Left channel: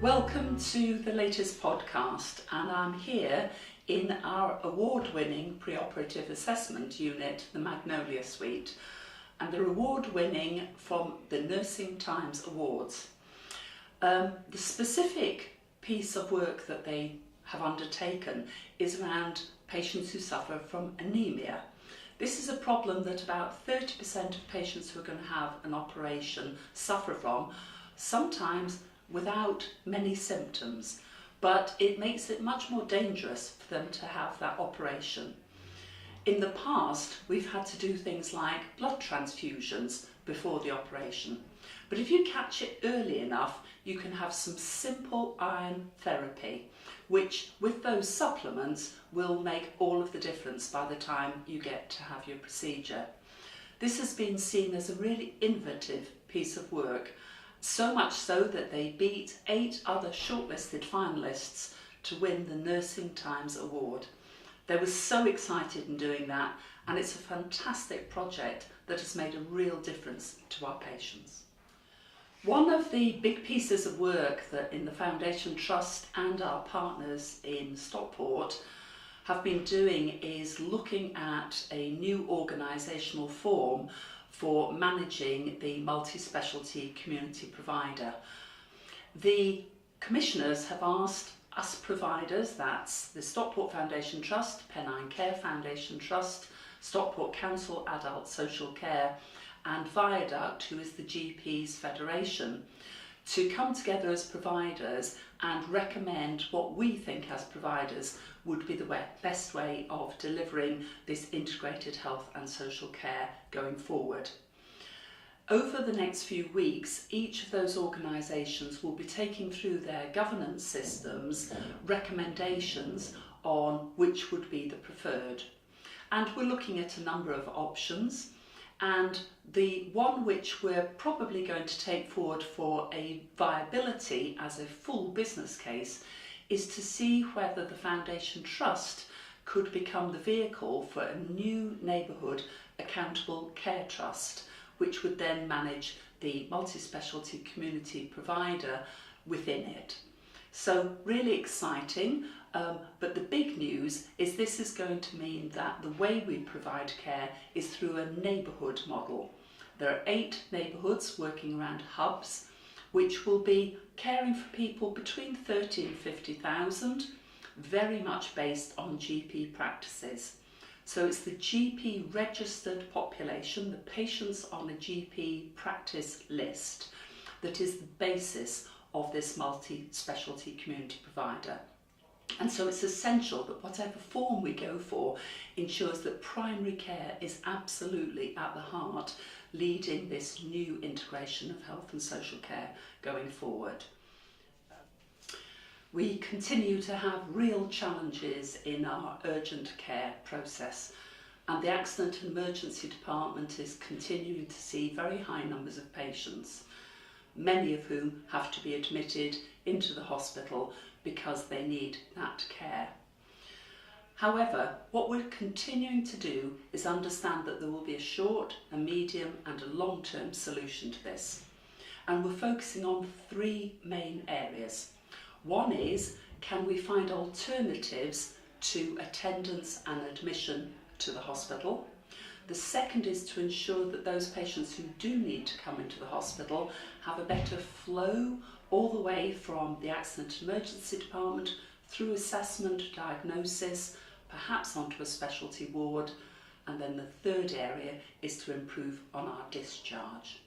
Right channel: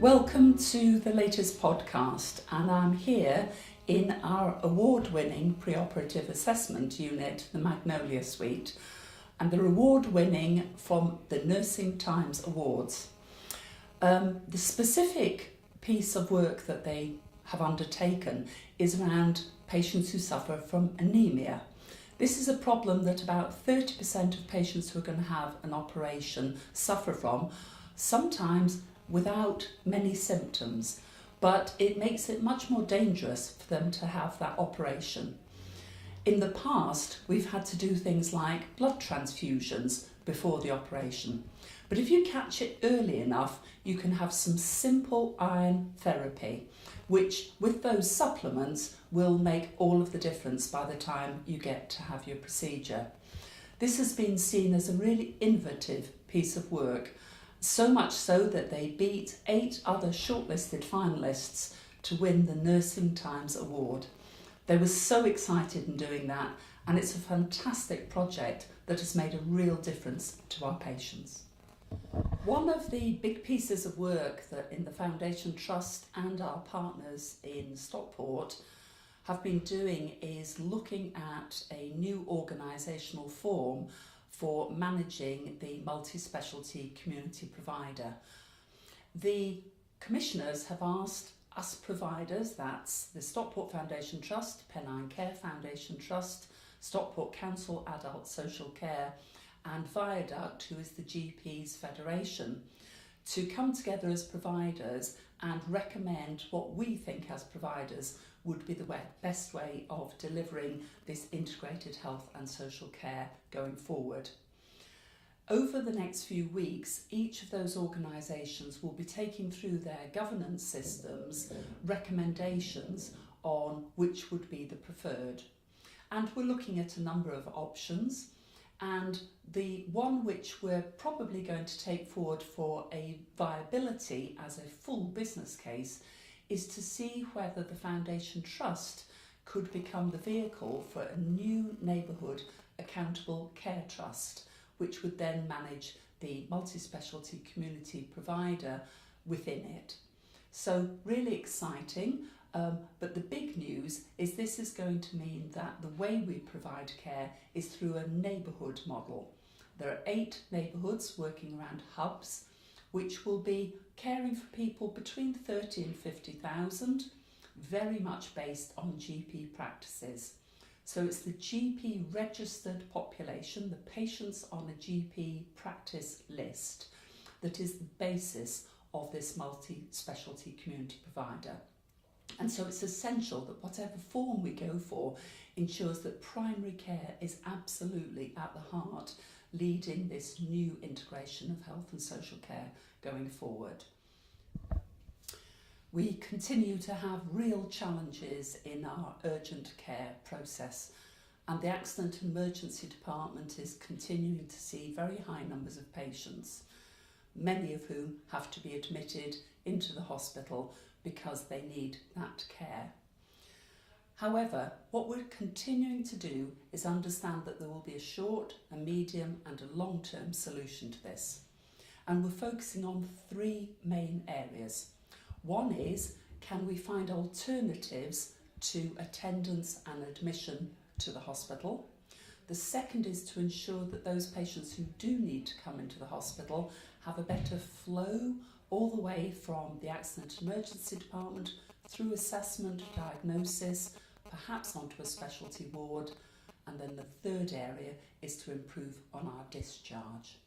Welcome to the latest podcast, and I'm here in our award-winning preoperative assessment unit, the Magnolia suite, and they're award-winning from the Nursing Times Awards. The specific piece of work that they have undertaken is around patients who suffer from anemia. This is a problem that about 30% of patients who are going to have an operation suffer from, sometimes without many symptoms, but it makes it much more dangerous for them to have that operation. In the past, we've had to do things like blood transfusions before the operation, but if you catch it early enough, you can have some simple iron therapy, which with those supplements will make all of the difference by the time you get to have your procedure. This has been seen as a really innovative piece of work, so much so that they beat 8 other shortlisted finalists to win the Nursing Times Award. They were so excited in doing that, and it's a fantastic project that has made a real difference to our patients. One of the big pieces of work that in the Foundation Trust and our partners in Stockport have been doing is looking at a new organisational form for managing the multi-specialty community provider. The commissioners have asked us providers, that's the Stockport Foundation Trust, Pennine Care Foundation Trust, Stockport Council Adult Social Care and Viaduct, who is the GPs Federation, to come together as providers and recommend what we think as providers would be the best way of delivering this integrated health and social care going forward. Over the next few weeks, each of those organisations will be taking through their governance systems recommendations on which would be the preferred. And we're looking at a number of options, and the one which we're probably going to take forward for a viability as a full business case is to see whether the Foundation Trust could become the vehicle for a new neighbourhood accountable care trust, which would then manage the multi-specialty community provider within it. So really exciting, but the big news is this is going to mean that the way we provide care is through a neighbourhood model. There are 8 neighbourhoods working around hubs, which will be caring for people between 30 and 50,000, very much based on GP practices. So it's the GP registered population, the patients on a GP practice list, that is the basis of this multi-specialty community provider. And so it's essential that whatever form we go for ensures that primary care is absolutely at the heart, leading this new integration of health and social care going forward. We continue to have real challenges in our urgent care process, and the Accident and Emergency Department is continuing to see very high numbers of patients, many of whom have to be admitted into the hospital because they need that care. However, what we're continuing to do is understand that there will be a short, a medium and a long-term solution to this. And we're focusing on 3 main areas. One is, can we find alternatives to attendance and admission to the hospital? The second is to ensure that those patients who do need to come into the hospital have a better flow all the way from the Accident and Emergency Department through assessment, diagnosis, perhaps onto a specialty ward, and then the third area is to improve on our discharge.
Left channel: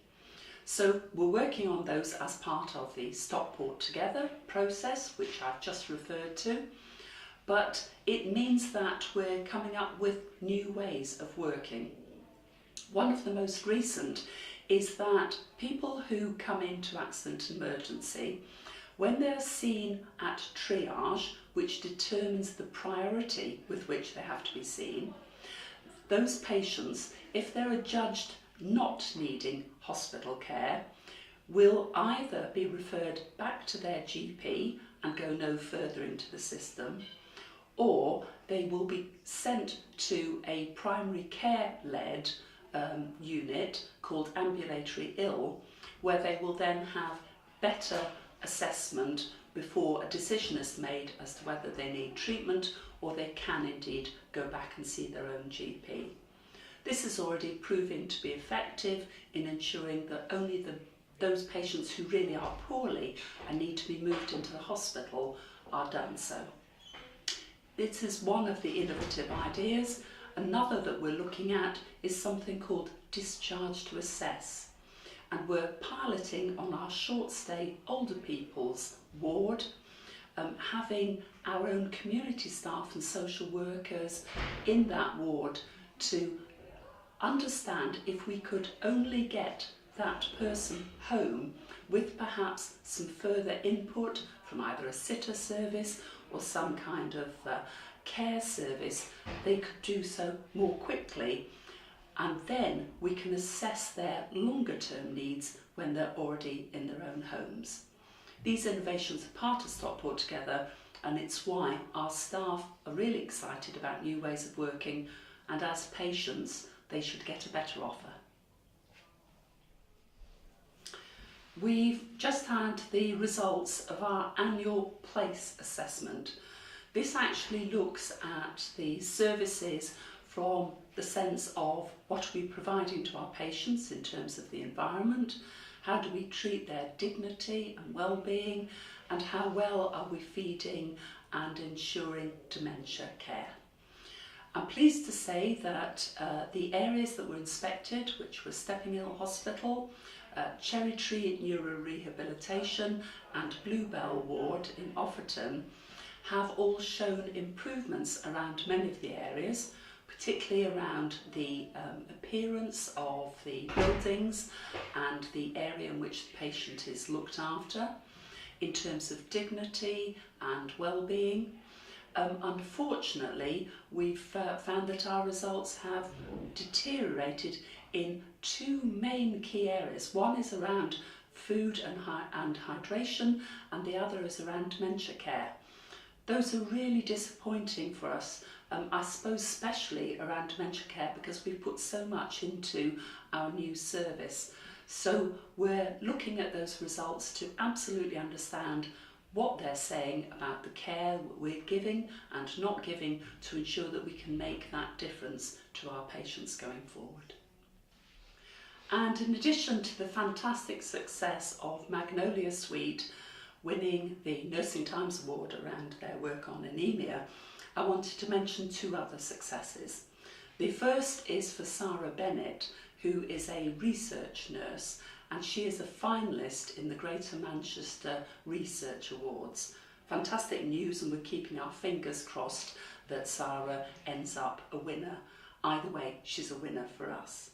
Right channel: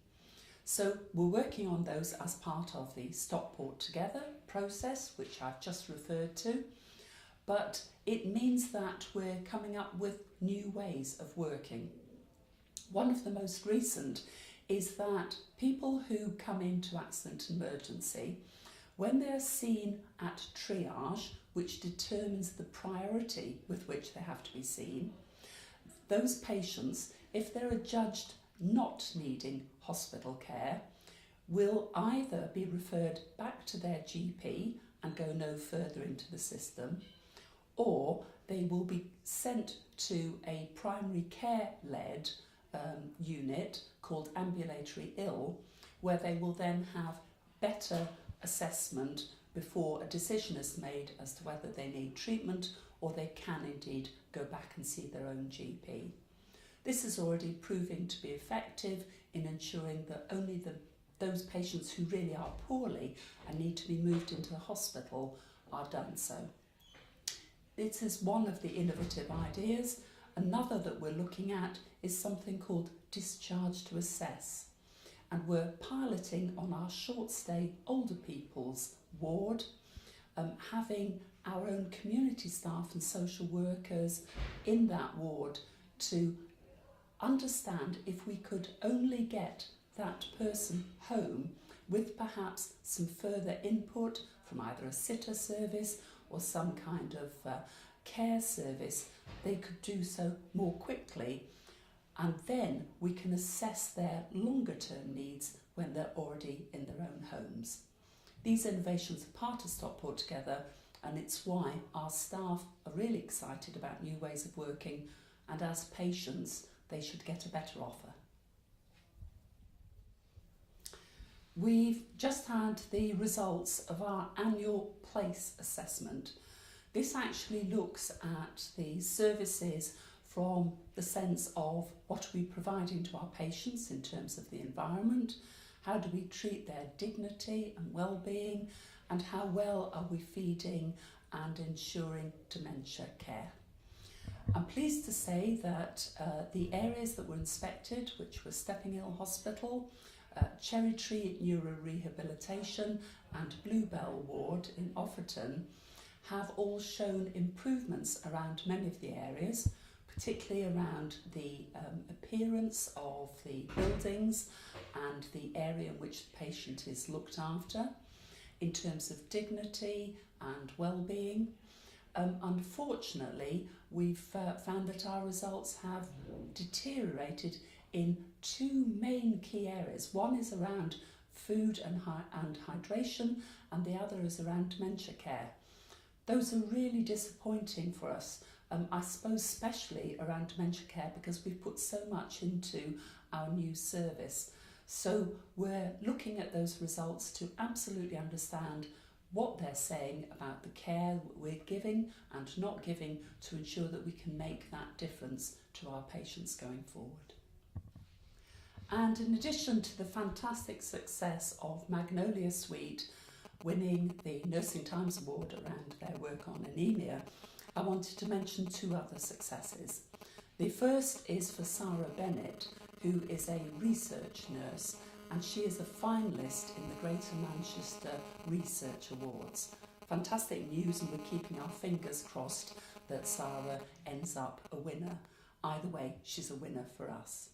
So we're working on those as part of the Stockport Together process, which I've just referred to, but it means that we're coming up with new ways of working. One of the most recent is that people who come into accident and emergency, when they're seen at triage, which determines the priority with which they have to be seen, those patients, if they're adjudged not needing hospital care, will either be referred back to their GP and go no further into the system, or they will be sent to a primary care-led unit called ambulatory ill, where they will then have better assessment before a decision is made as to whether they need treatment or they can indeed go back and see their own GP. This is already proving to be effective in ensuring that only those patients who really are poorly and need to be moved into the hospital are done so. This is one of the innovative ideas. Another that we're looking at is something called discharge to assess. And we're piloting on our short stay older people's ward, having our own community staff and social workers in that ward to understand if we could only get that person home with perhaps some further input from either a sitter service or some kind of care service, they could do so more quickly, and then we can assess their longer term needs when they're already in their own homes. These innovations are part of Stockport Together, and it's why our staff are really excited about new ways of working, and as patients they should get a better offer. We've just had the results of our annual place assessment. This actually looks at the services from the sense of what are we providing to our patients in terms of the environment, how do we treat their dignity and well-being, and how well are we feeding and ensuring dementia care. I'm pleased to say that the areas that were inspected, which were Stepping Hill Hospital, Cherry Tree Neurorehabilitation and Bluebell Ward in Offerton, have all shown improvements around many of the areas, particularly around the appearance of the buildings and the area in which the patient is looked after, in terms of dignity and well-being. Unfortunately, we've found that our results have deteriorated in two main key areas. One is around food and hydration, and the other is around dementia care. Those are really disappointing for us, I suppose especially around dementia care, because we've put so much into our new service. So we're looking at those results to absolutely understand what they're saying about the care we're giving and not giving, to ensure that we can make that difference to our patients going forward. And in addition to the fantastic success of Magnolia Suite winning the Nursing Times Award around their work on anemia, I wanted to mention two other successes. The first is for Sarah Bennett, who is a research nurse, and she is a finalist in the Greater Manchester Research Awards. Fantastic news, and we're keeping our fingers crossed that Sarah ends up a winner. Either way, she's a winner for us.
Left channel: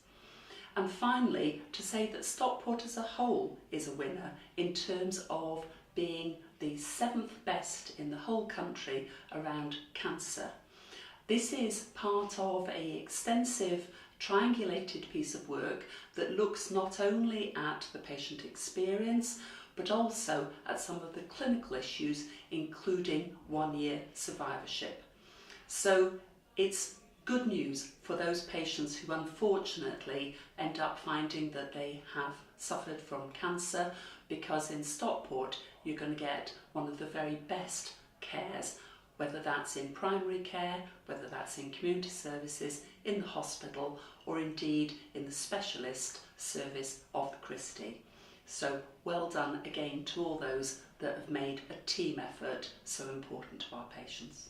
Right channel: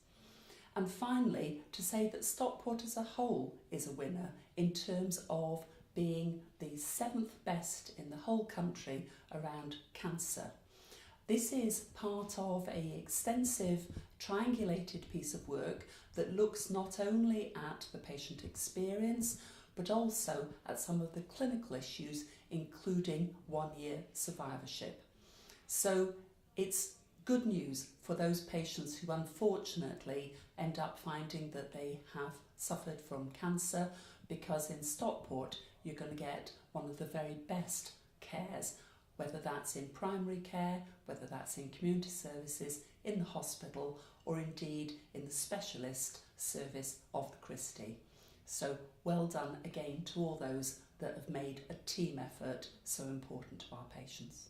And finally, to say that Stockport as a whole is a winner in terms of being the 7th best in the whole country around cancer. This is part of an extensive triangulated piece of work that looks not only at the patient experience, but also at some of the clinical issues, including 1-year survivorship. So it's good news for those patients who unfortunately end up finding that they have suffered from cancer, because in Stockport you're going to get one of the very best cares, whether that's in primary care, whether that's in community services, in the hospital, or indeed in the specialist service of the Christie. So well done again to all those that have made a team effort so important to our patients.